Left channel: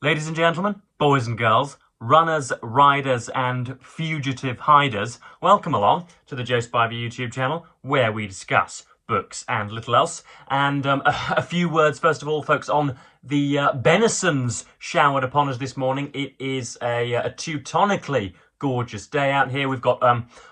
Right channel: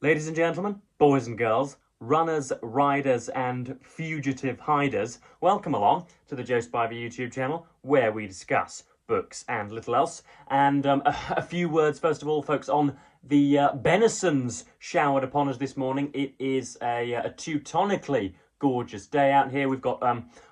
Ladies and gentlemen, boys and girls, runners, riders, and fugitive hiders, welcome along to the Joe Spivey YouTube channel, where we discuss books and little else. And a few words, first of all, folks, on the benisons showered upon us this morning. It is a teutonically gorgeous day out here. We've got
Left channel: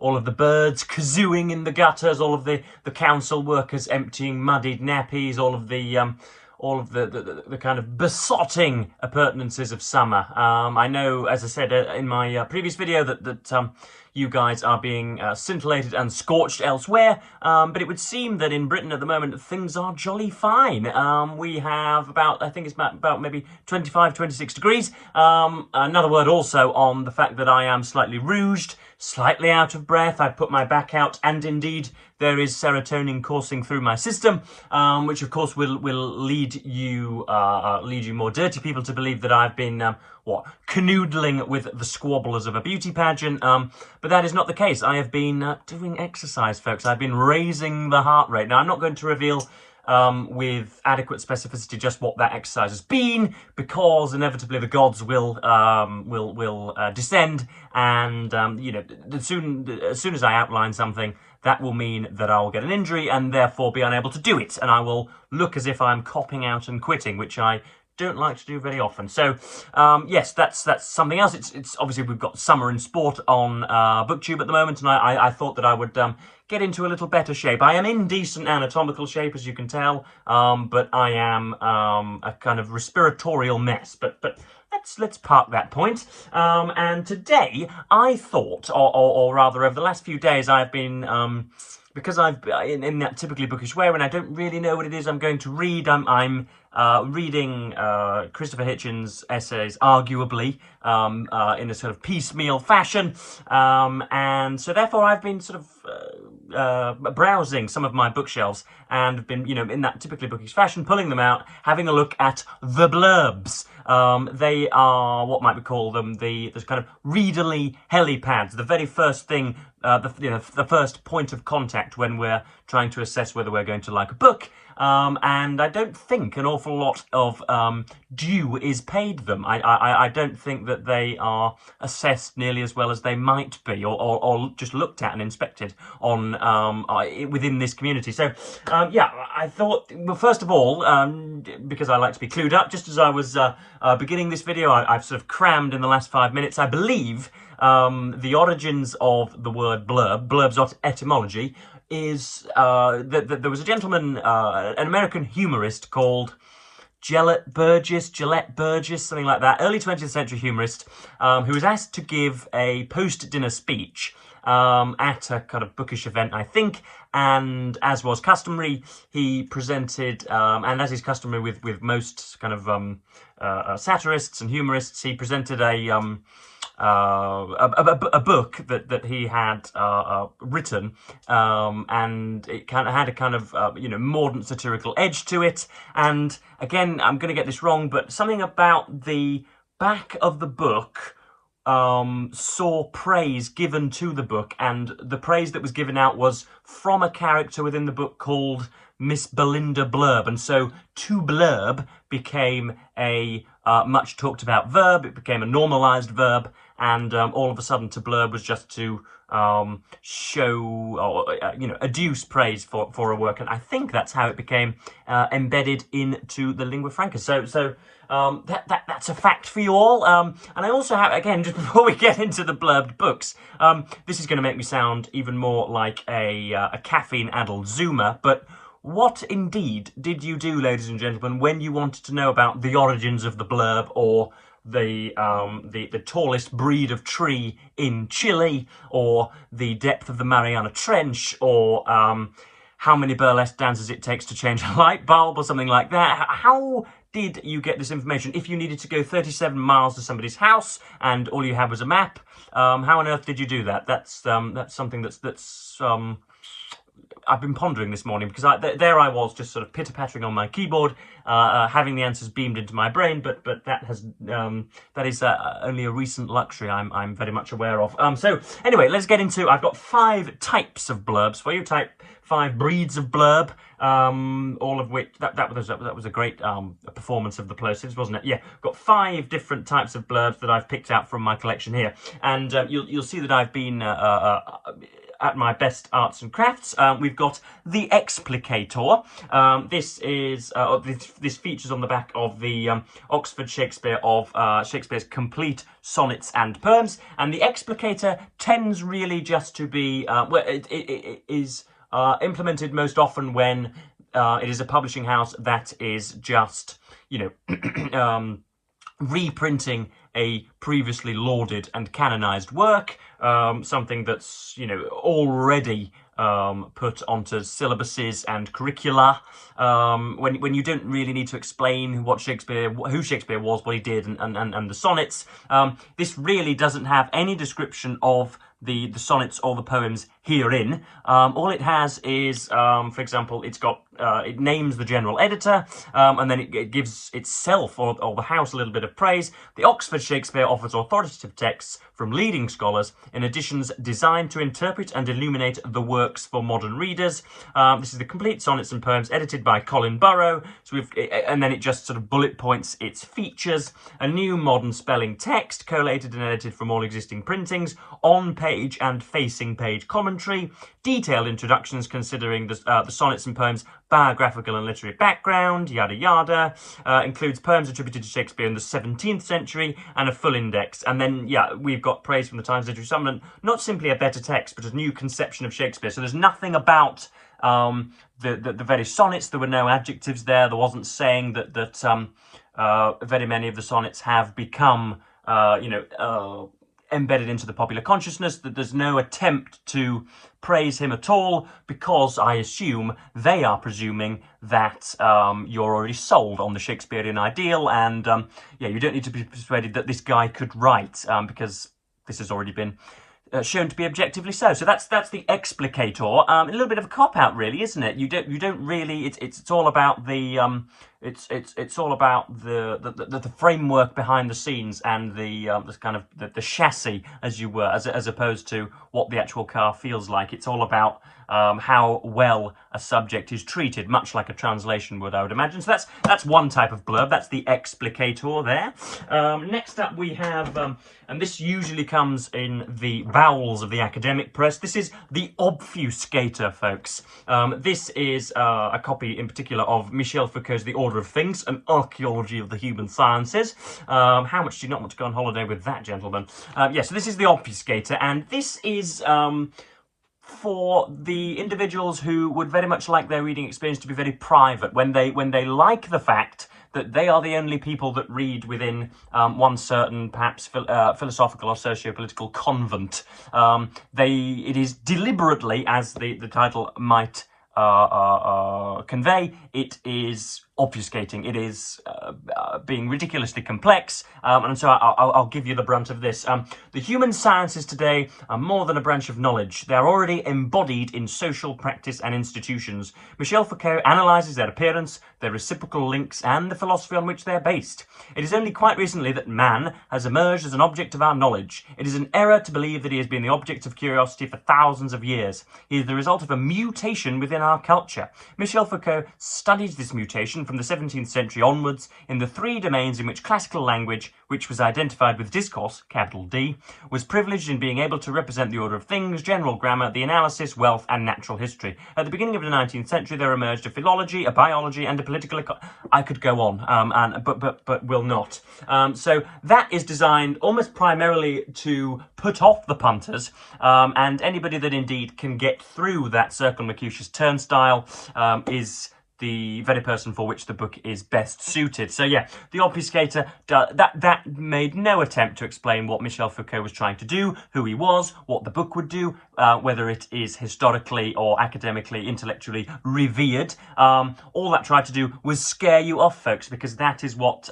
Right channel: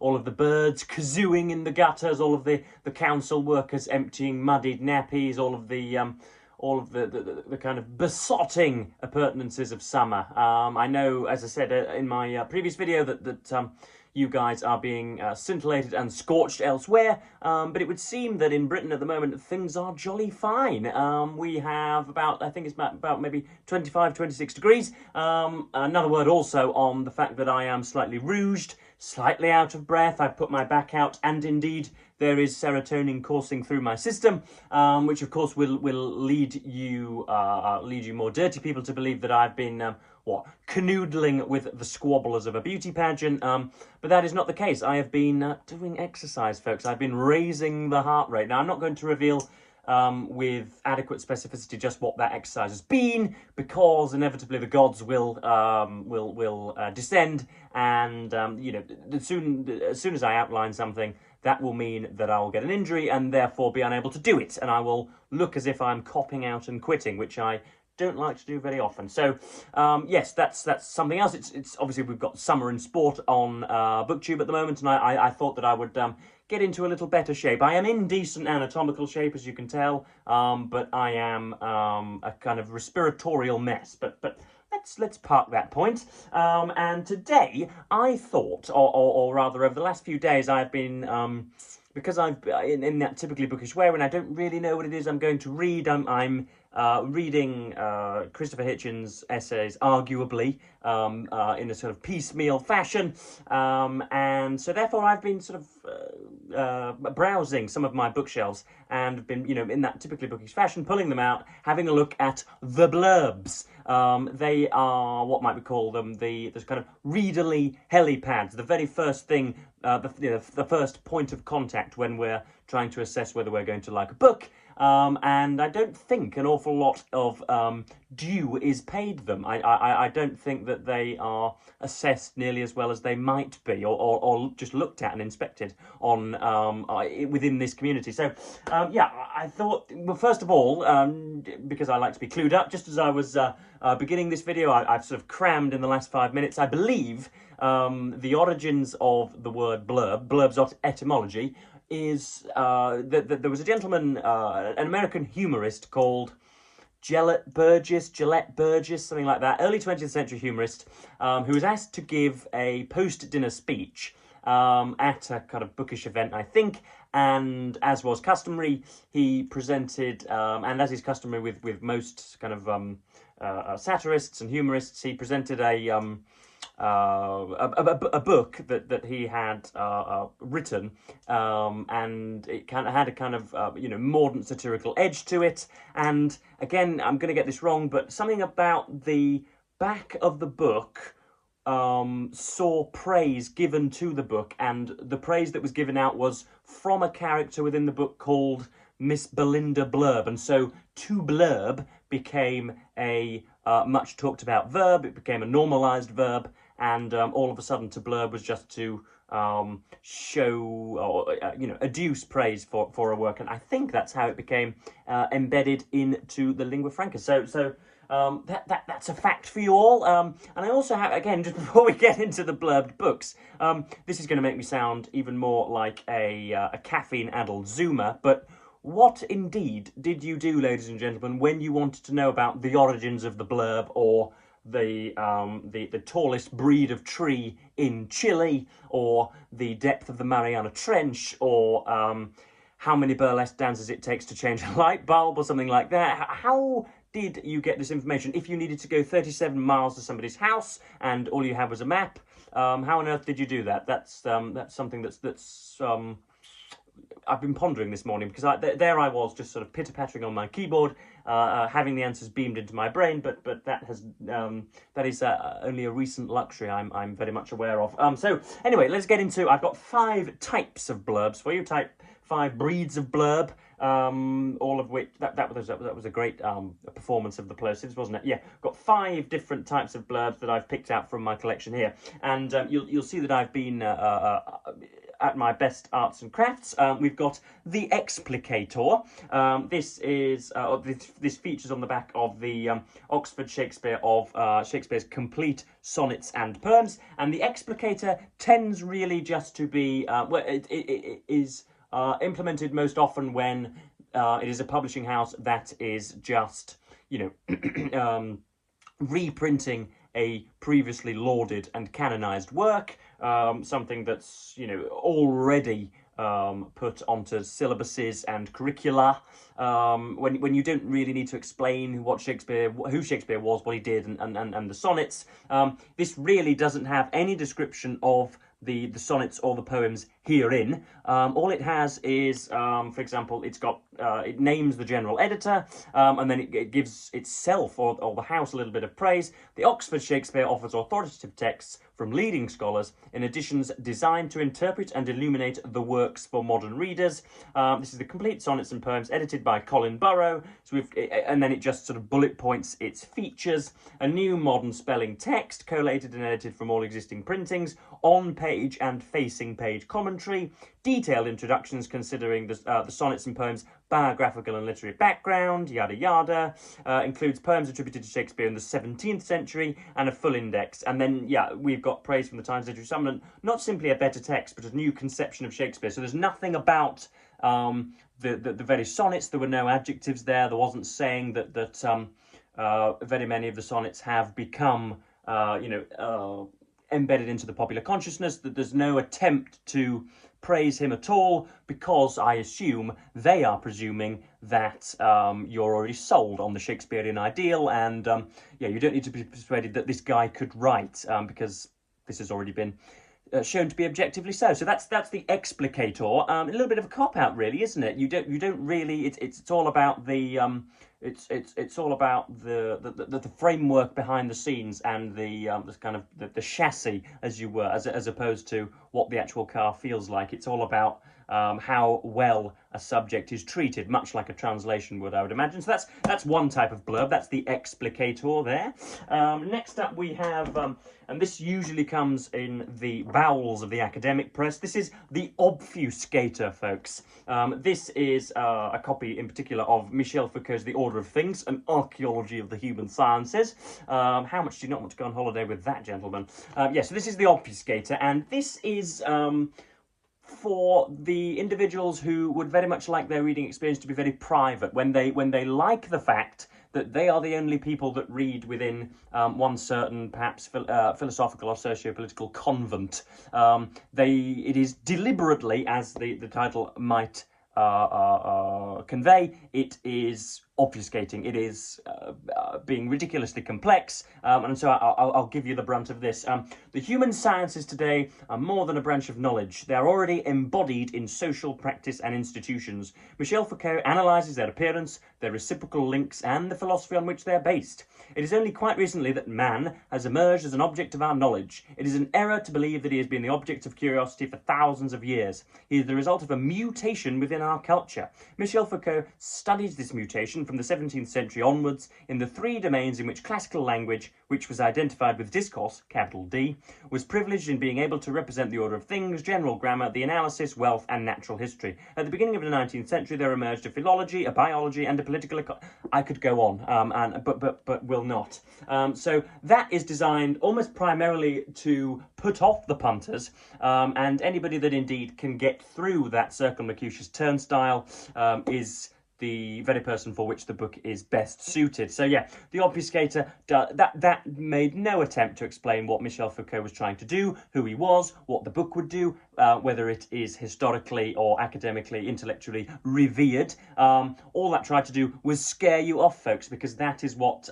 all of the birds kazooing in the gutters, all of the council workers emptying muddied nappies, all of the kind of besotting appurtenances of summer. I know, as I said in my previous video, that you guys are being scintillated and scorched elsewhere, but it would seem that in Britain at the moment things are jolly fine. We have about, I think it's about maybe 25, 26 degrees. Another word also on the fact that I am slightly rouged, slightly out of breath. I've put my back out, and indeed there is serotonin coursing through my system, which of course will lead you more dirty people to believe that I've been canoodling with the squabblers of a beauty pageant. But that is not the case. I have been doing exercise, folks. I've been raising the heart rate. Now, I'm not going to reveal with adequate specificity just what that exercise has been, because inevitably the gods will descend, and as soon as I outline something, that will mean that I will get an injury and therefore be unable to do it, and I will look as if I'm copping out and quitting, which I don't like to do very often. So yes, that's something else. It's obviously we've got summer in sport on BookTube at the moment, and I thought that I would get into a little better shape. I am in decent anatomical shape, as you can tell, but I am a kind of respiratorial mess. But let's park that point. And today I thought, or rather over the last few days, I've been because I've in that typically bookish way when I don't really know what it is I'm going to read. I'm reading Christopher Hitchens' essays, arguably, in a sort of piecemeal fashion, and so therefore I've been sort of browsing some of my bookshelves and been, in that typically bookish fashion, pulling them out, having a look at the blurbs. They are, what might we call them, the kind of readerly helipads, the very first thing, the first point of contact when we're trying to assess whether we're going to like a book. And I don't think an awful lot of due is paid them. I don't think that they are assessed nearly as well as they might be, or just looked at and inspected on within this community. So yeah, I thought, well, first of all, because I like to be clued up, just as I was beginning this video, I've sort of crammed in the last 5 minutes, I believe, the origins of the word blurbs etymology, is that there was a gentleman, an American humorist called Gillette Burgess, something like that, early 20th century humorist, who was asked to give a post-dinner speech at a kind of bookish event, I think, and as was customary, he presented, and as is customary with most kind of satirists and humorists, he presented a book that he had written, and it kind of had a kind of mordant satirical edge to it. And again, I'm going to get this wrong, but something about the back of the book saw praise given to the book, and the praise that was given out was from a character within the book called Miss Belinda Blurb, and so to blurb became a much talked about verb. It became a normalized verb, and all of a sudden to blurb was just to show or adduce praise for a work, and I think that's how it became embedded into the lingua franca. So that's a fact for you all. And I also have, again, just before we get into the blurbed books, this is going to make me sound even more like a caffeine-addled Zoomer, but what indeed did you do, ladies and gentlemen, when you wanted to know about the origins of the blurb, or the tallest breed of tree in Chile, or the depth of the Mariana Trench, or how many burlesque dances it takes to change a light bulb, or something like that? How did you get this information? If you needed to go 37 miles to somebody's house and all you had was a map, how on earth did you do that? That's something that's I've been pondering this morning, because there I was, just sort of pitter-pattering on my keyboard, having the answers beamed into my brain, but that is only a recent luxury I'm very much aware of. So anyway, let's get into. I've got 5 types of blurbs for you. 5 breeds of blurb, all of which that was a great performance of the plosives, wasn't it? Yeah, got 5 different types of blurbs that I've picked out from my collection here, and you'll see that I've been at my best arts and crafts. We've got the explicator. This features on the back of the Oxford Shakespeare of Shakespeare's complete sonnets and poems, and the explicator tends really just to be it is implemented most often when it is a publishing house that is just, reprinting a previously lauded and canonized work, something that's, already put onto syllabuses and curricula, when you don't really need to explain who Shakespeare was, what he did, and the sonnets. This really doesn't have any description of the sonnets or the poems herein. All it has is, for example, it names the general editor, and then it gives itself or the house a little bit of praise. The Oxford Shakespeare offers authoritative texts from leading scholars in editions designed to interpret and illuminate the works for modern readers. This is the complete sonnets and poems edited by Colin Burrow. And then it just sort of bullet points its features. A new modern spelling text, collated and edited from all existing printings, on-page and facing-page commentary, detailed introductions considering the sonnets and poems' biographical and literary background, yada yada, includes poems attributed to Shakespeare in the 17th century, and a full index. And then, we've got praise from the Times Literary Supplement, not simply a better text, but a new conception of Shakespeare. So there's nothing about the very sonnets. There were no adjectives there. There wasn't saying that very many of the sonnets have become, embedded into the popular consciousness, that there's no attempt to praise him at all, because I assume they are presuming that you're already sold on the Shakespearean ideal, and you don't need to be persuaded that this guy could write, because this has already been shown to be objectively so. So that's the explicator. A little bit of a cop-out, really, isn't it? You don't really. It's all about the it's all about the framework behind the scenes, and the kind of the chassis, as you were, as opposed to what the actual car feels like. It's all about how well a subject is treated, much like a translation would, I would imagine. So that's one type of blurb. That's the explicator there. Next up we have, and this usually comes in the bowels of the academic press, this is the obfuscator, folks. This is a copy in particular of Michel Foucault's The Order of Things, an archaeology of the human sciences. How much do you not want to go on holiday with that, gentlemen? So this is the obfuscator, and this is for the individuals who would very much like their reading experience to be very private, when they like the fact that they are the only people that read within one certain, perhaps, philosophical or socio-political convent. It is deliberately, as the title might convey, it is obfuscating. It is being ridiculously complex, and so I'll give you the brunt of this. The human sciences today are more than a branch of knowledge. They are already embodied in social practice and institutions. Michel Foucault analyses their appearance, their reciprocal links, and the philosophy on which they are based. It is only quite recently that man has emerged as an object of our knowledge. It is an error to believe that he has been the object of curiosity for thousands of years. He is the result of a mutation within our culture. Michel Foucault studies this mutation from the 17th century onwards in the 3 domains in which classical language, which was identified with discourse, capital D, was privileged in being able to represent the order of things, general grammar, the analysis, wealth, and natural history. At the beginning of the 19th century, there emerged a philology, a biology, and a political I could go on, but will not. So that is designed almost primarily to put off the punters, and anybody that indeed can get through that circumlocucious turnstile is the very person for which the book is best suited. So yeah, the Obfuscator, that made no attempt to explain what Michel Foucault was trying to do, who he was, what the book would do, whether it is historically or academically, intellectually revered. All that tried to do was scare you off, folks, because that is what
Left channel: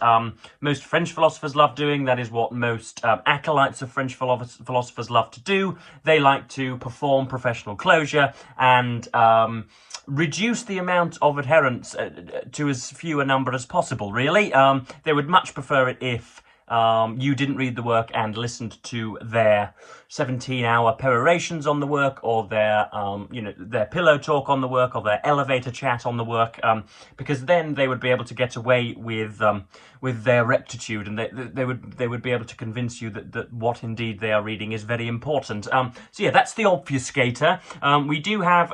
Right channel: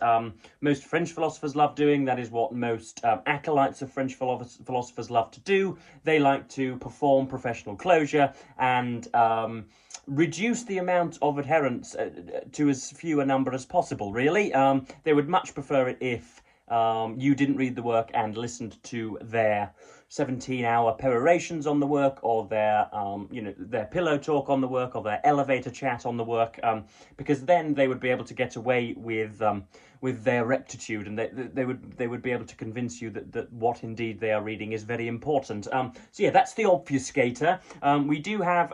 most French philosophers love doing. That is what most acolytes of French philosophers love to do. They like to perform professional closure and reduce the amount of adherents to as few a number as possible, really. They would much prefer it if you didn't read the work and listened to their 17-hour perorations on the work, or their their pillow talk on the work, or their elevator chat on the work, because then they would be able to get away with their rectitude, and they would be able to convince you that what indeed they are reading is very important. So yeah, that's the Obfuscator. We do have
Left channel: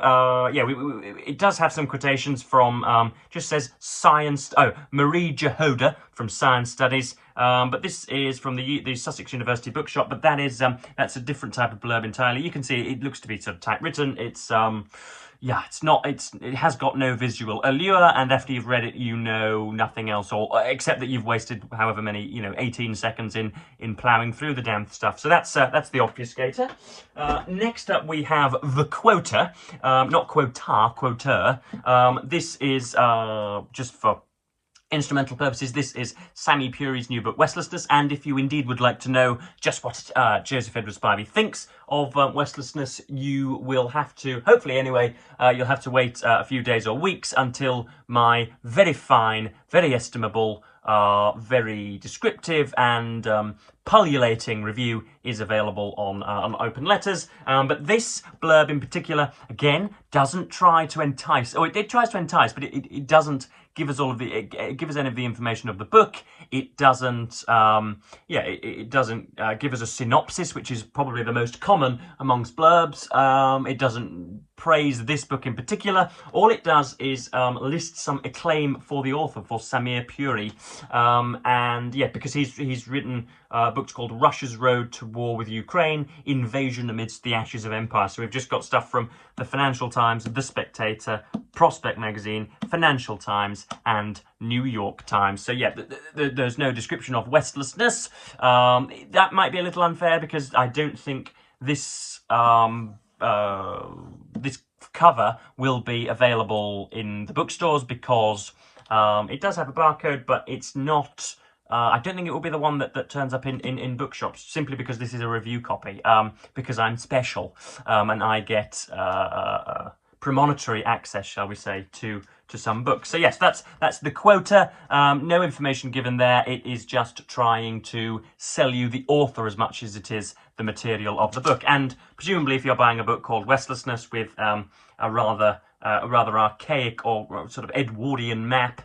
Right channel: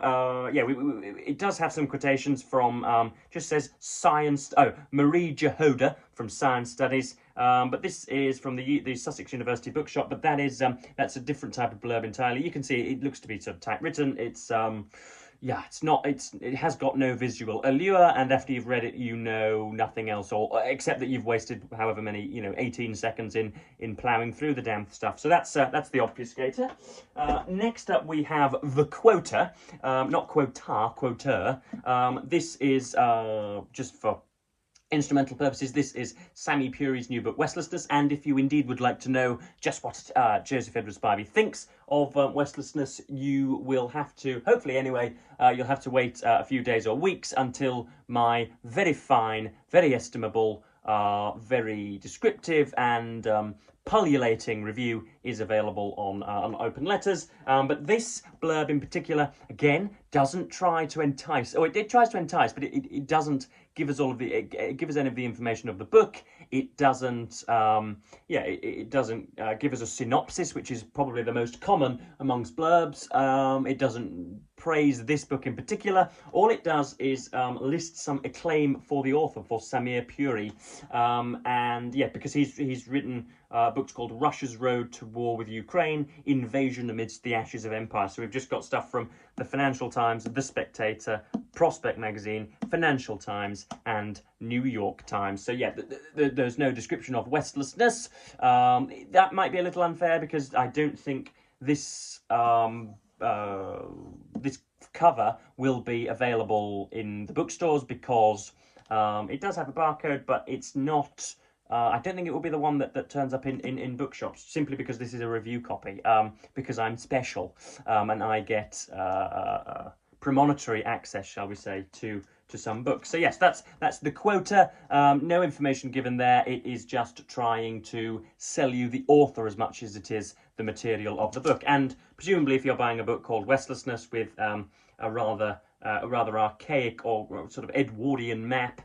it does have some quotations from just says science. Oh, Marie Jehoda from Science Studies. But this is from the Sussex University Bookshop. But that is that's a different type of blurb entirely. You can see it looks to be sort of typewritten. It's yeah, it has got no visual allure, and after you've read it, you know nothing else, or except that you've wasted however many 18 seconds in ploughing through the damn stuff. So that's the Obfuscator. Next up, we have the Quota, not Quota, Quota. This is just for instrumental purposes. This is Sami Puri's new book, Westlessness, and if you indeed would like to know just what Joseph Edward Spivey thinks of Westlessness, you will have to, hopefully anyway, you'll have to wait a few days or weeks until my very fine, very estimable, very descriptive and pullulating review is available on Open Letters. But this blurb in particular, again, doesn't try to entice. Oh, it tries to entice, but it doesn't give us give us any of the information of the book. It doesn't, it doesn't give us a synopsis, which is probably the most common amongst blurbs. It doesn't praise this book in particular. All it does is list some acclaim for the author, for Sami Puri, and yeah, because he's written books called Russia's Road to War with Ukraine, Invasion Amidst the Ashes of Empire. So we've just got stuff from the Financial Times, The Spectator, Prospect Magazine, Financial Times, and New York Times. So yeah, there's no description of Westlessness. That might be a little unfair because I don't think this this cover will be available in the bookstores because it does have a barcode, but it's not. I don't think it will be the one that turns up in bookshops, simply because this is a review copy, because I'm special, and I get premonitory access, shall we say, to some books. So yes, that's the Quota. No information given there. It is just trying to sell you the author as much as it is the material of the book. And presumably, if you're buying a book called Westlessness with a rather archaic or sort of Edwardian map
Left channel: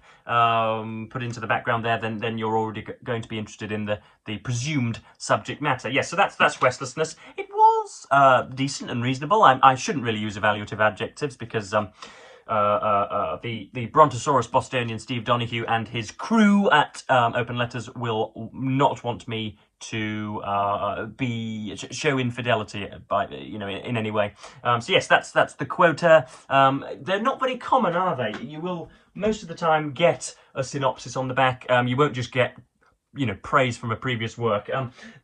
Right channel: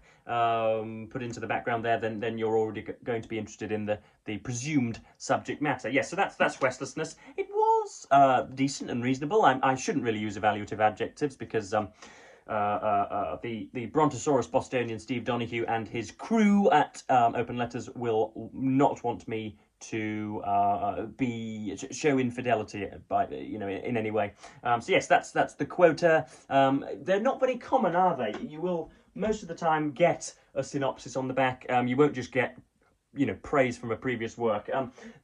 put into the background there, then you're already going to be interested in the presumed subject matter. Yes, so that's Westlessness. It was decent and reasonable. I shouldn't really use evaluative adjectives because the Brontosaurus Bostonian Steve Donoghue and his crew at Open Letters will not want me to show infidelity by in any way. So yes, that's the Quota. They're not very common, are they? You will most of the time get a synopsis on the back. You won't just get praise from a previous work.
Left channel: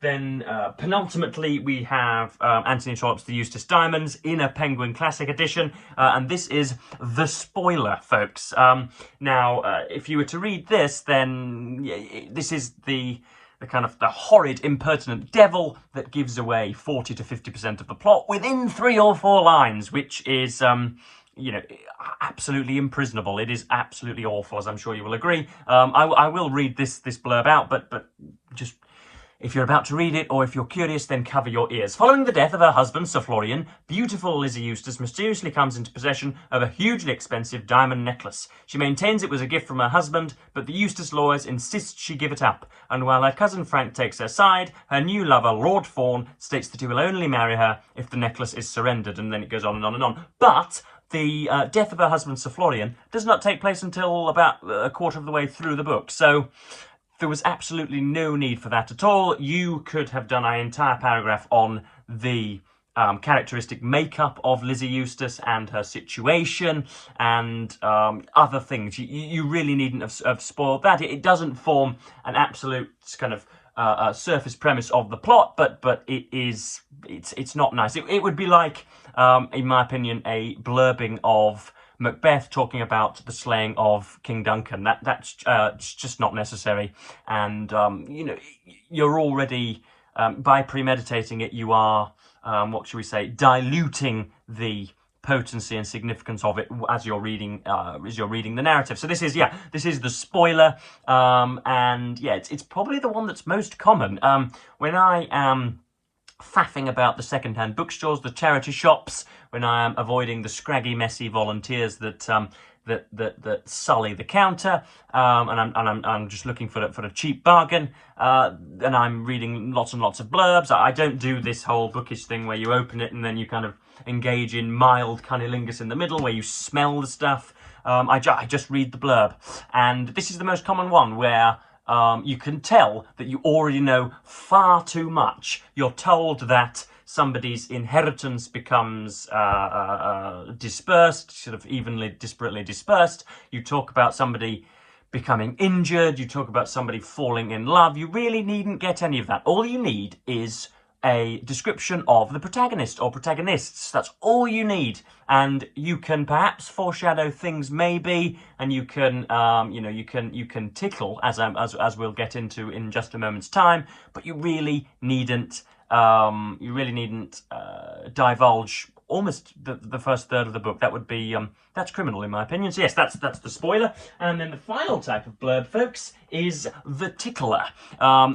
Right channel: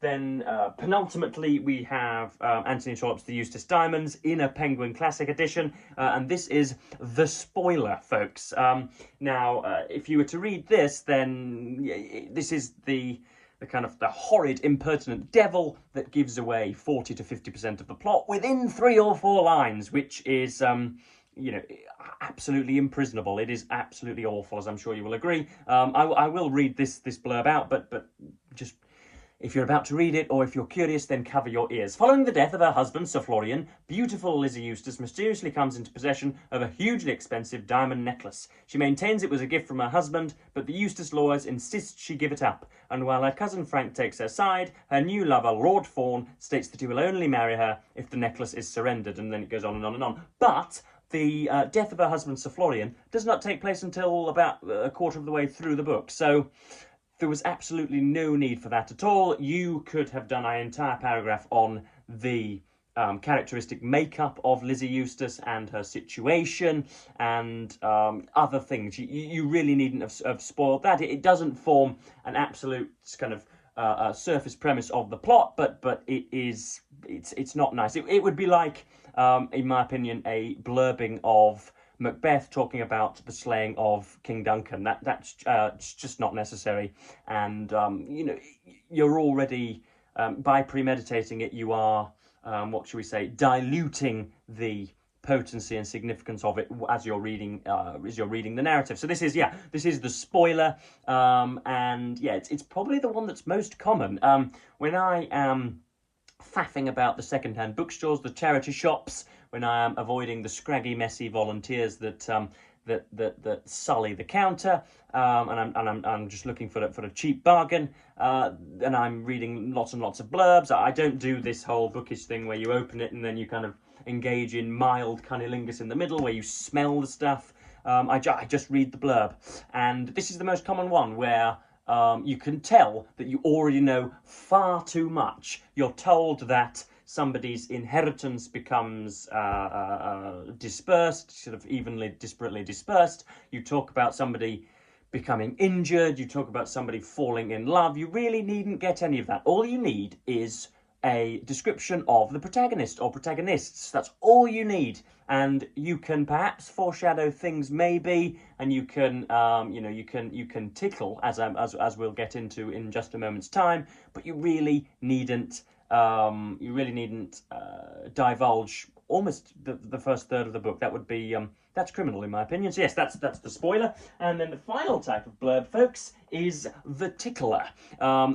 Then penultimately we have Anthony Trollope's The Eustace Diamonds in a Penguin Classic edition, and this is the spoiler, folks. Now, if you were to read this, then this is the kind of the horrid, impertinent devil that gives away 40 to 50% of the plot within 3 or 4 lines, which is absolutely imprisonable. It is absolutely awful, as I'm sure you will agree. I will read this blurb out, but just if you're about to read it, or if you're curious, then cover your ears. Following the death of her husband, Sir Florian, beautiful Lizzie Eustace mysteriously comes into possession of a hugely expensive diamond necklace. She maintains it was a gift from her husband, but the Eustace lawyers insist she give it up, and while her cousin Frank takes her side, her new lover, Lord Fawn, states that he will only marry her if the necklace is surrendered, and then it goes on and on and on. But the death of her husband, Sir Florian, does not take place until about a quarter of the way through the book, so there was absolutely no need for that at all. You could have done an entire paragraph on the characteristic makeup of Lizzie Eustace and her situation and other things. You really needn't have spoiled that. It doesn't form an absolute kind of surface premise of the plot, but it's not nice. It would be like, in my opinion, a blurbing of Macbeth talking about the slaying of King Duncan. That's just not necessary, and you know, you're already by premeditating it, you are what should we say, diluting the potency and significance of it as you're reading the narrative. So this is the spoiler, and yeah, it's probably the one that's most common. When I am faffing about the second-hand bookstores, the charity shops, when I am avoiding the scraggy, messy volunteers that sully the counter, and I'm just looking for a cheap bargain, and I'm reading lots and lots of blurbs. I don't do this whole bookish thing where you open it and then you kind of engage in mild cunnilingus in the middle, where you smell the stuff. I just read the blurb, and this is the most common one where you can tell that you already know far too much. You're told that somebody's inheritance becomes dispersed, sort of disparately dispersed. You talk about somebody becoming injured. You talk about somebody falling in love. You really needn't get any of that. All you need is a description of the protagonist or protagonists. That's all you need, and you can perhaps foreshadow things maybe, and you can you can tickle as we'll get into in just a moment's time, but you really needn't divulge almost the first third of the book. That would be that's criminal in my opinion. So yes, that's the spoiler. And then the final type of blurb, folks, is the tickler.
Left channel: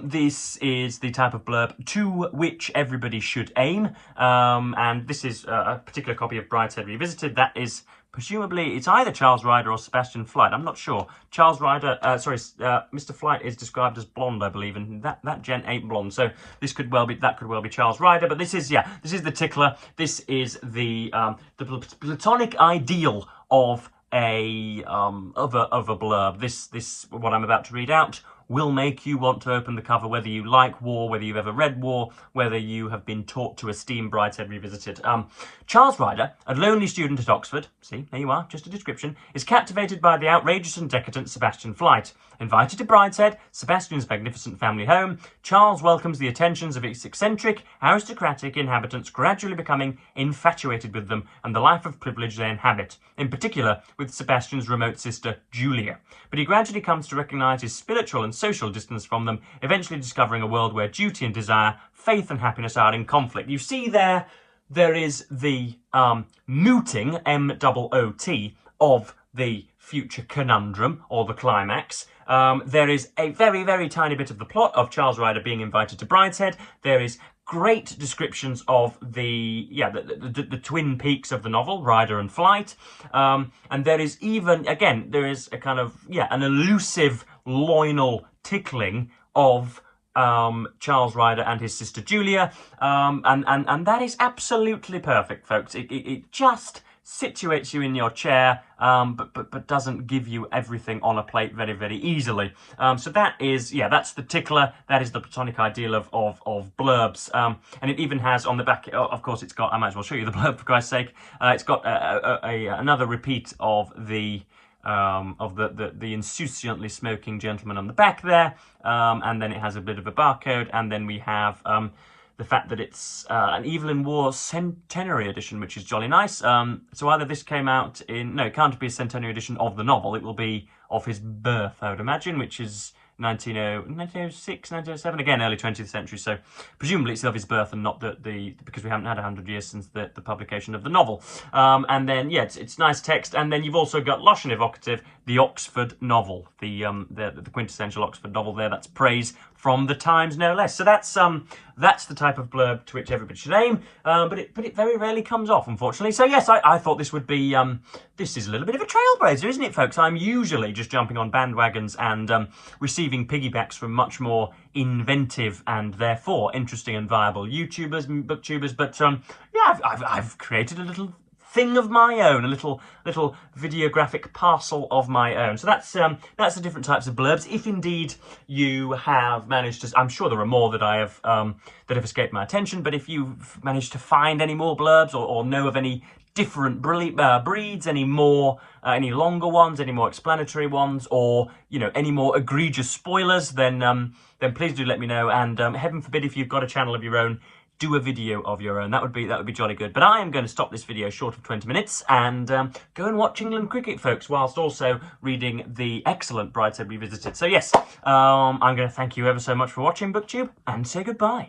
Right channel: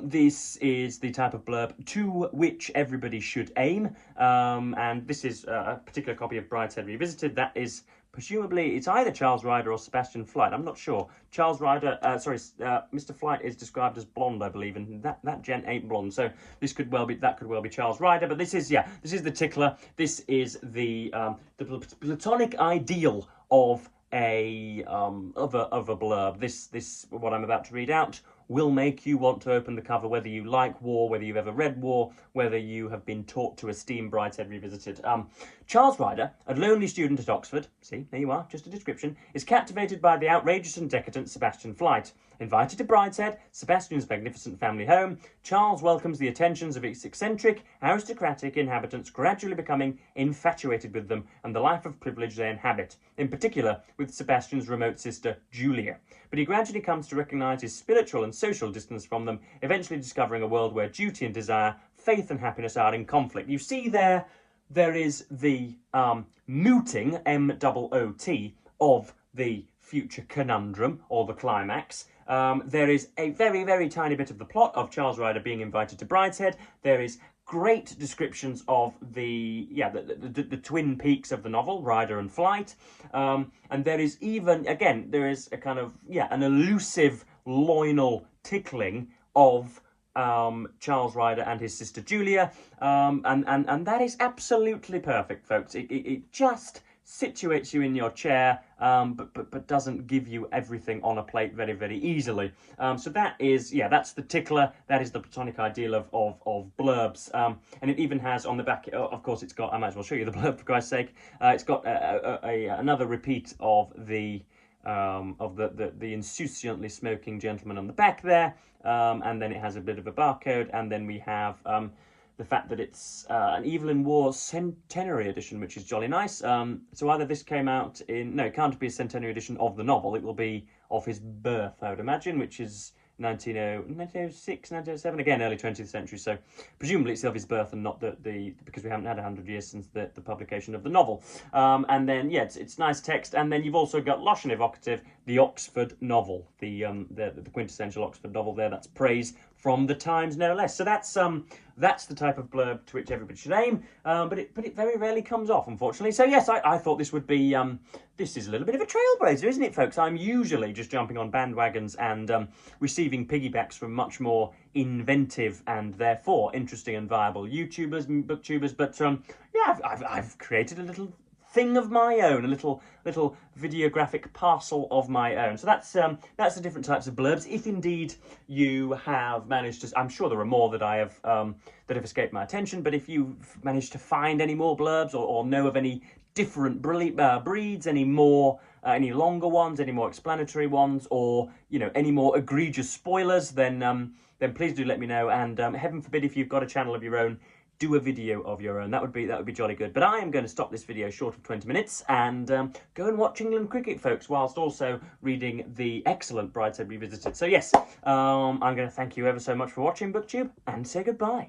This is the type of blurb to which everybody should aim. And this is a particular copy of Brideshead Revisited. That is presumably, it's either Charles Ryder or Sebastian Flight. I'm not sure. Mr. Flight is described as blonde, I believe, and that gent ain't blonde. So this could well be Charles Ryder. But this is the tickler. This is the platonic ideal of a blurb. This what I'm about to read out will make you want to open the cover, whether you like war, whether you've ever read war, whether you have been taught to esteem Brideshead Revisited. Charles Ryder, a lonely student at Oxford, see, there you are, just a description, is captivated by the outrageous and decadent Sebastian Flight. Invited to Brideshead, Sebastian's magnificent family home, Charles welcomes the attentions of its eccentric, aristocratic inhabitants, gradually becoming infatuated with them and the life of privilege they inhabit, in particular with Sebastian's remote sister, Julia. But he gradually comes to recognise his spiritual and social distance from them, eventually discovering a world where duty and desire, faith and happiness are in conflict. You see there is the mooting, M-O-O-T, of the future conundrum, or the climax. There is a very, very tiny bit of the plot of Charles Ryder being invited to Brideshead. There is great descriptions of the twin peaks of the novel, Ryder and Flight. And there is even, again, there is a kind of, an elusive loinal tickling of Charles Ryder and his sister Julia. And that is absolutely perfect, folks. It just situates you in your chair, but doesn't give you everything on a plate very, very easily. So that is, that's the tickler. That is the platonic ideal of blurbs. And it even has on the back, of course, it's got, I might as well show you the blurb for Christ's sake. It's got another repeat of the insouciantly smoking gentleman on the back there, and then it has a bit of a barcode, and then we have the fact that it's an Evelyn Waugh centenary edition, which is jolly nice. So either this came out it can't be a centenary edition of the novel, it will be of his birth, I would imagine, which is 1906, 1907, again, early 20th century, so presumably it's of his birth and not because we haven't had 100 years since the publication of the novel. And then, it's nice text, and then you've also got lush and evocative, the Oxford novel, the quintessential Oxford novel there, that's praise from the Times, no less. So that's the type of blurb to which everybody should aim, but it very rarely comes off, unfortunately. So yes, I thought this would be, this is a little bit of a trailblazer, isn't it, folks? I'm usually just jumping on bandwagons and receiving piggybacks from much more inventive and therefore interesting and viable YouTubers and booktubers, but I've created a little thing of my own, a little videographic parcel of my own. So that's the different types of blurbs. If indeed you have managed to, I'm sure there are more that I have that have escaped my attention. But if you've managed to find any more blurbs or know of any different breeds, any more, any longer ones, any more explanatory ones, or any more egregious spoilers, then please do let me know. And heaven forbid, if you've got a channel of your own, do a video of your own. That would be jolly good. But I am going to stop this video short of 20 minutes and go and watch England cricket, folks, whilst also reading the excellent Brideshead Revisited. So yes, I'm going to thank you ever so much for watching BookTube and say goodbye.